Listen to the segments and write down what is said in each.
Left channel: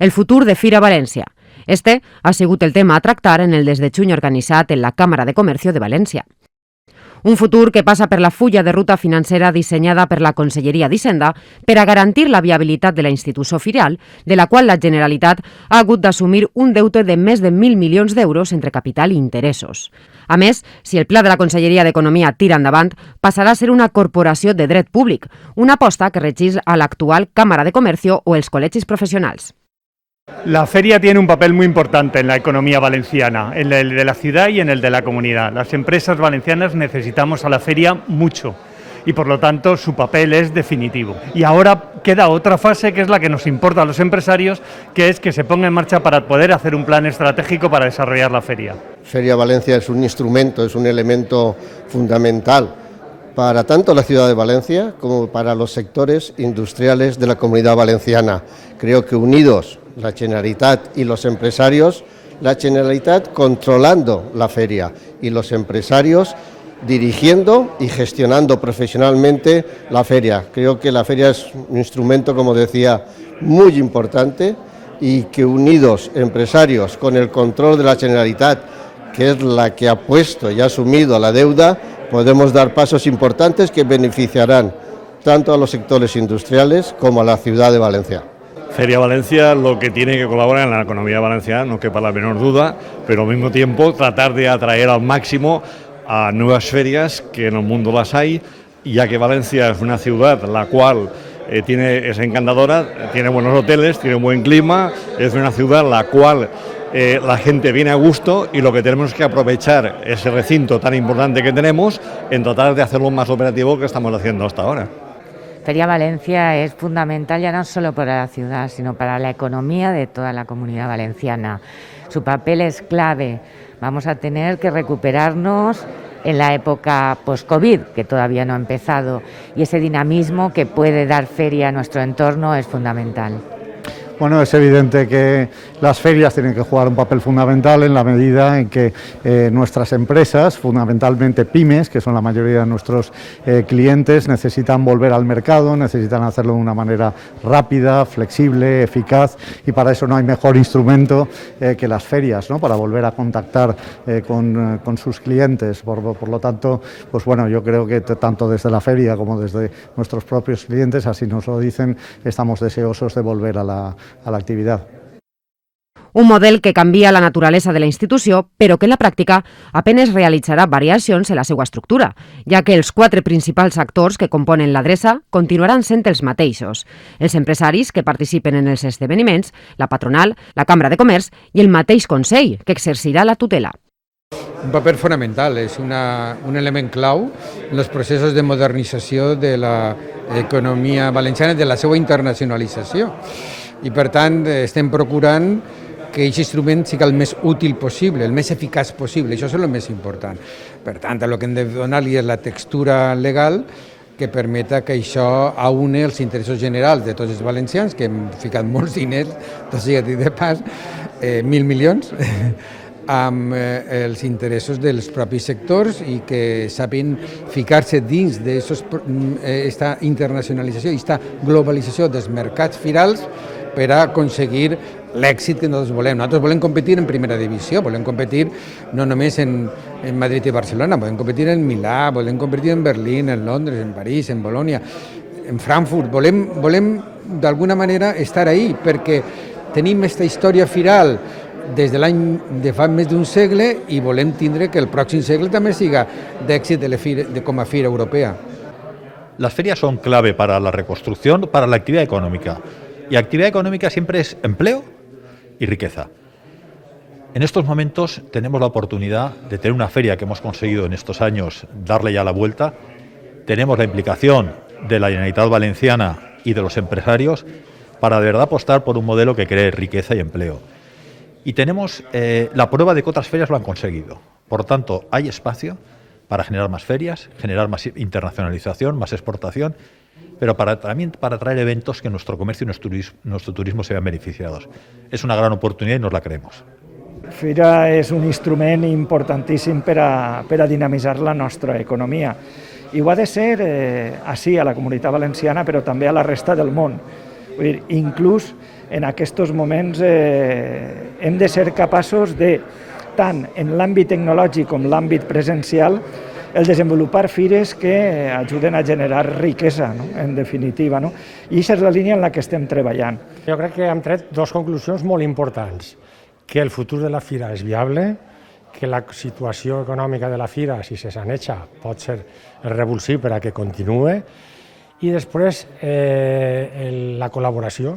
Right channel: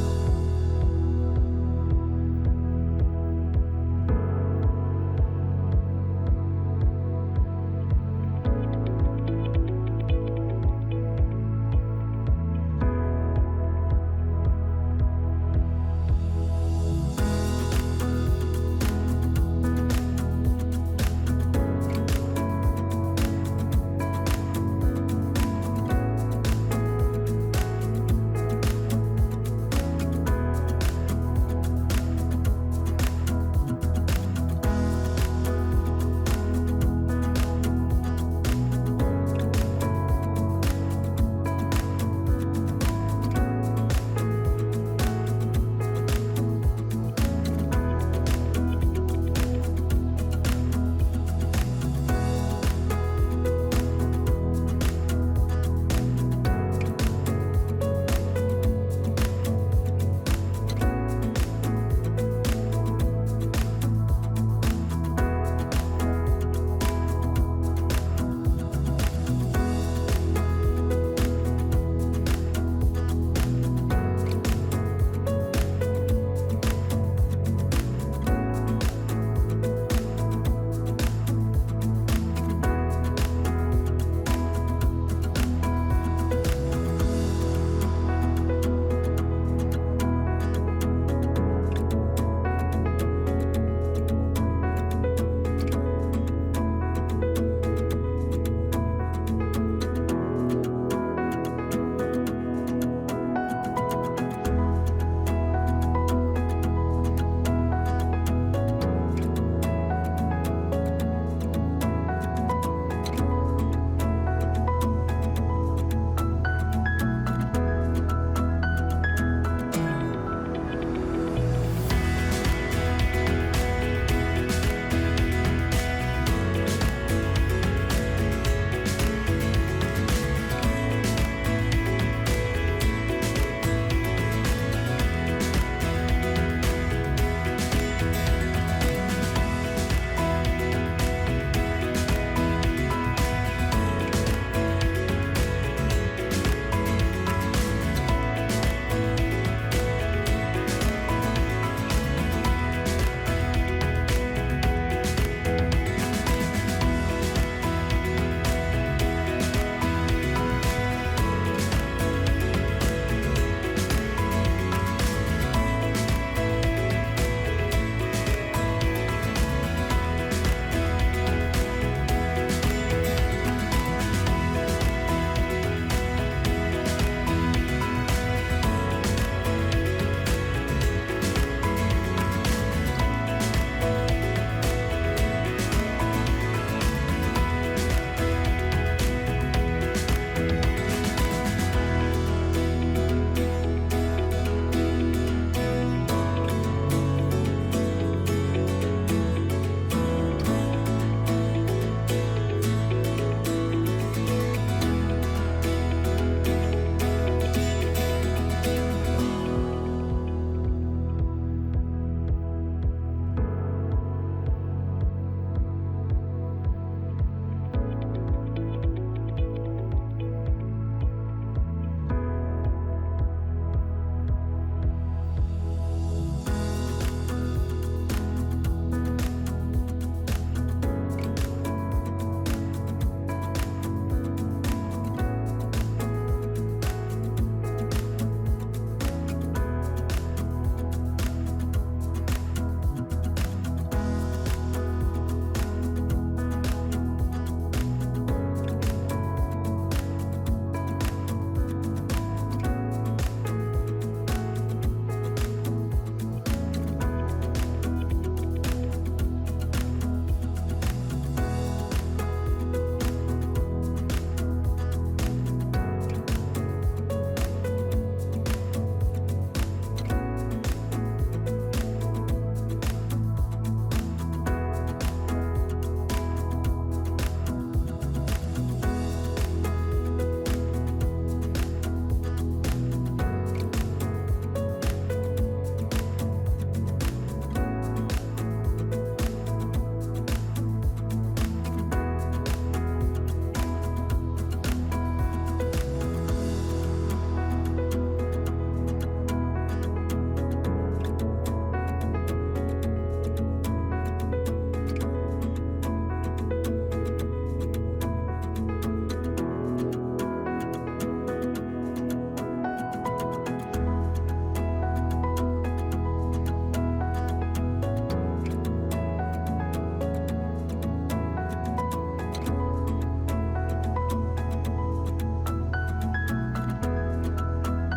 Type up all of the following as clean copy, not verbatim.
el futur de Fira València. Este ha sigut el tema a tractar en el des de juny organitzat en la Càmera de Comercio de València. Un futur que passa per la fulla de ruta financera dissenyada per la Conselleria d'Hisenda per a garantir la viabilitat de la institució firial, de la qual la Generalitat ha hagut d'assumir un deute de més de 1.000 milions d'euros entre capital i interessos. A més, si el pla de la Conselleria d'Economia tira endavant, passarà a ser una corporació de dret públic, una aposta que regeix a l'actual Càmera de Comercio o els col·legis professionals. La feria tiene un papel muy importante en la economía valenciana, en el de la ciudad y en el de la comunidad. Las empresas valencianas necesitamos a la feria mucho y por lo tanto su papel es definitivo. Y ahora queda otra fase que es la que nos importa a los empresarios, que es que se ponga en marcha para poder hacer un plan estratégico para desarrollar la feria. Feria Valencia es un instrumento, es un elemento fundamental para tanto la ciudad de Valencia como para los sectores industriales de la comunidad valenciana. Creo que unidos, la Generalitat y los empresarios, la Generalitat controlando la feria y los empresarios dirigiendo y gestionando profesionalmente la feria. Creo que la feria es un instrumento, como decía, muy importante y que unidos empresarios con el control de la Generalitat, que es la que ha puesto y ha asumido la deuda, podemos dar pasos importantes que beneficiarán tanto a los sectores industriales como a la ciudad de Valencia. Feria Valencia lo que tiene que colaborar en la economía valenciana, no quepa la menor duda, pero al mismo tiempo tratar de atraer al máximo a nuevas ferias, que en el mundo las hay, ya que Valencia es una ciudad la cual es encantadora, tiene buenos hoteles, tiene un buen clima, es una ciudad la cual la gente viene a gusto y lo que tenemos es que aprovechar ese recinto tan importante que tenemos en tratar de hacerlo más operativo que estamos haciendo hasta ahora. Feria Valencia es fundamental ya no solo para la ciudad, sino para la economía de toda la comunidad valenciana. Su papel es clave. Vamos a tener que recuperarnos en la época post-COVID, que todavía no ha empezado, y ese dinamismo que puede dar feria a nuestro entorno es fundamental. Bueno, es evidente que las ferias tienen que jugar un papel fundamental en la medida en que nuestras empresas, fundamentalmente pymes, que son la mayoría de nuestros clientes, necesitan volver al mercado, necesitan hacerlo de una manera rápida, flexible, eficaz, y para eso no hay mejor instrumento que las ferias, ¿no? Para volver a contactar con sus clientes. Por lo tanto, pues bueno, yo creo que tanto desde la feria como desde nuestros propios clientes, así nos lo dicen, estamos deseosos de volver a la actividad. Un model que canvia la naturalesa de la institució, però que en la pràctica apenas realitzarà variacions en la seva estructura, ja que els 4 principals actors que componen l'adreça continuaran sent els mateixos: els empresaris que participen en els esdeveniments, la patronal, la Cambra de Comerç i el mateix Consell, que exercirà la tutela. Un paper fonamental, és un element clau en els processos de modernització de l'economia valenciana i de la seva internacionalització. I per tant estem procurant que aquest instrument sigui el més útil possible, el més eficaç possible, això és el més important. Per tant, el que hem de donar-li és la textura legal que permeta que això aúne els interessos generals de tots els valencians, que hem ficat molts diners, tot sigui dit de pas, 1.000 milions, amb els interessos dels propis sectors i que sapin ficar-se dins d'aquesta internacionalització i aquesta globalització dels mercats firals per a aconseguir l'èxit que nosaltres volem. Nosaltres volem competir en primera divisió, volem competir no només en Madrid i Barcelona, volem competir en Milà, volem competir en Berlín, en Londres, en París, en Bolònia, en Frankfurt. Volem d'alguna manera estar ahí perquè tenim aquesta història firal des de fa més d'un segle i volem tindre que el pròxim segle també siga d'èxit com a fira europea. Las ferias son clave para la reconstrucción, para la actividad económica. Y actividad económica siempre es empleo y riqueza. En estos momentos tenemos la oportunidad de tener una feria que hemos conseguido en estos años darle ya la vuelta. Tenemos la implicación de la Generalitat Valenciana y de los empresarios para de verdad apostar por un modelo que cree riqueza y empleo. Y tenemos la prueba de que otras ferias lo han conseguido. Por tanto, hay espacio para generar más ferias, generar más internacionalización, más exportación, pero también para traer eventos que nuestro comercio y nuestro turismo se vean beneficiados. Es una gran oportunidad y nos la creemos. La fira és un instrument importantíssim per a dinamitzar la nostra economia. I ho ha de ser així a la Comunitat Valenciana, però també a la resta del món. Vull dir, inclús en aquests moments hem de ser capaços de, tant en l'àmbit tecnològic com l'àmbit presencial, el desenvolupar fires que ajuden a generar riquesa, no? En definitiva. No? I aquesta és la línia en la que estem treballant. Jo crec que hem tret dues conclusions molt importants. Que el futur de la fira és viable, que la situació econòmica de la fira, si se saneja, pot ser revulsiu per a que continuï, i després la col·laboració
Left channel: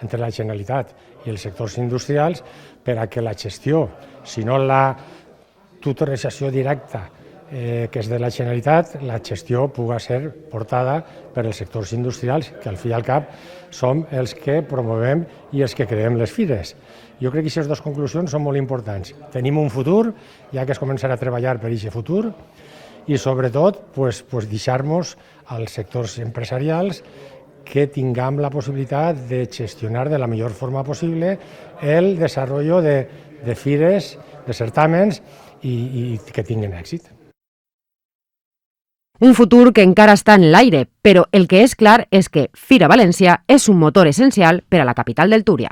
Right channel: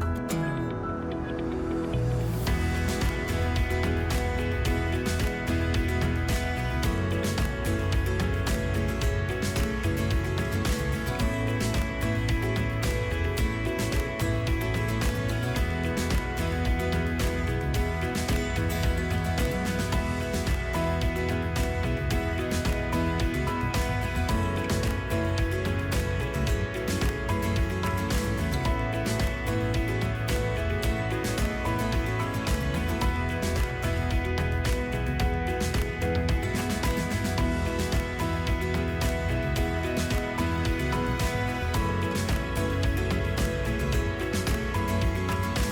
entre la Generalitat i els sectors industrials per a que la gestió, si no la tutorització directa que és de la Generalitat, la gestió pugui ser portada per els sectors industrials, que al fi i al cap som els que promovem i els que creem les fires. Jo crec que aquestes dues conclusions són molt importants. Tenim un futur, ja que es comencen a treballar per aquest futur, i sobretot deixar-nos als sectors empresarials que tinguem la possibilitat de gestionar de la millor forma possible el desenvolupament de fires, de certàmens i que tinguin èxit. Un futur que encara està en l'aire, però el que és clar és que Fira València és un motor essencial per a la capital del Túria.